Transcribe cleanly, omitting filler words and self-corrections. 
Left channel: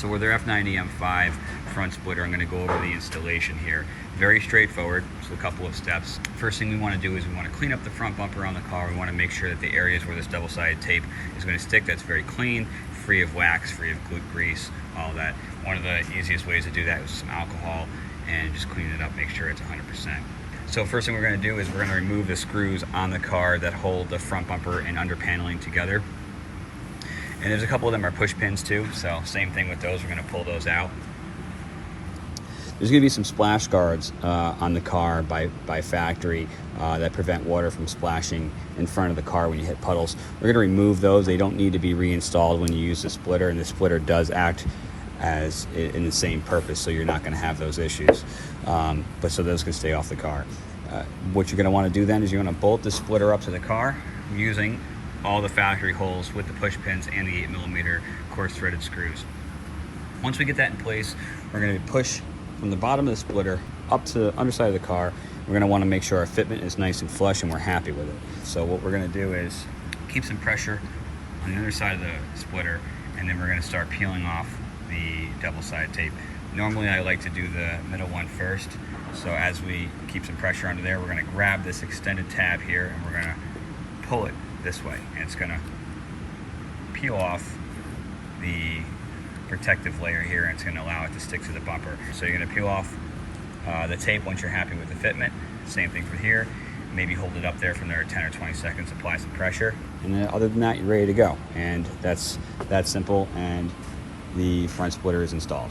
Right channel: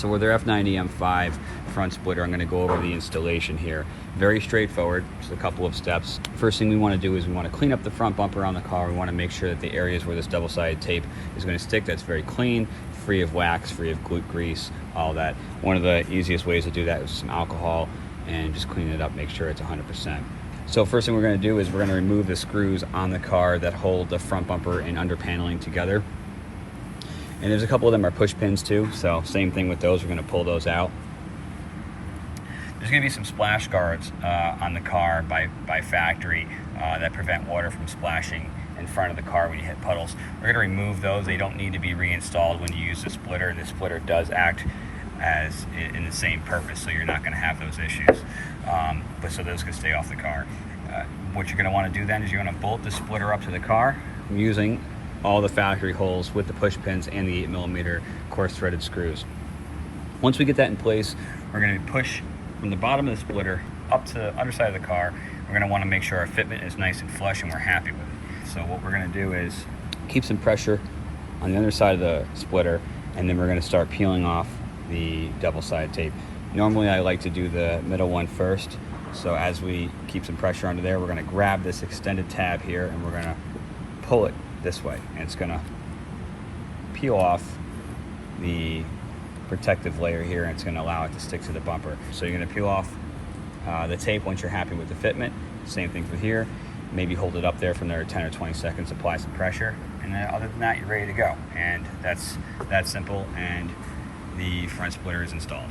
So with our F90 M5 front splitter, I'm going to go over the installation here. Very straightforward, just a couple of steps. First thing we want to do is we want to clean up the front bumper on the car. We want to make sure that the areas where this double-sided tape is going to stick, that's very clean, free of wax, free of grease, all that. One of the easiest ways to do that is some alcohol and just clean it up, make sure it's 100%. So first thing we're going to do is we're going to remove the screws on the car that hold the front bumper and under paneling together. And there's a couple of them are push pins too, so same thing with those, we're going to pull those out. There's going to be some splash guards on the car by factory that prevent water from splashing in front of the car when you hit puddles. We're going to remove those. They don't need to be reinstalled when you use the splitter, and the splitter does act as in the same purpose, so you're not going to have those issues. But so those can stay off the car. What you're going to want to do then is you're going to bolt the splitter up to the car using all the factory holes with the push pins and the 8mm coarse threaded screws. Once we get that in place, we're going to push from the bottom of the splitter up to the underside of the car. We're going to want to make sure our fitment is nice and flush and we're happy with it. So what we're going to do is keep some pressure on the underside of the splitter, and then we're going to start peeling off the double-sided tape. Normally I like to do the middle one first. So as we keep some pressure under there, we're going to grab this extended tab here and we're going to pull it this way, and it's going to peel off the protective layer here, and it's going to allow it to stick to the bumper. So you're going to peel off the tape once you're happy with the fitment. Same thing for here. Maybe hold it up there from there 10 or 20 seconds, apply some pressure, and then other than that, you're ready to go. And that's that simple, and the front splitter is installed.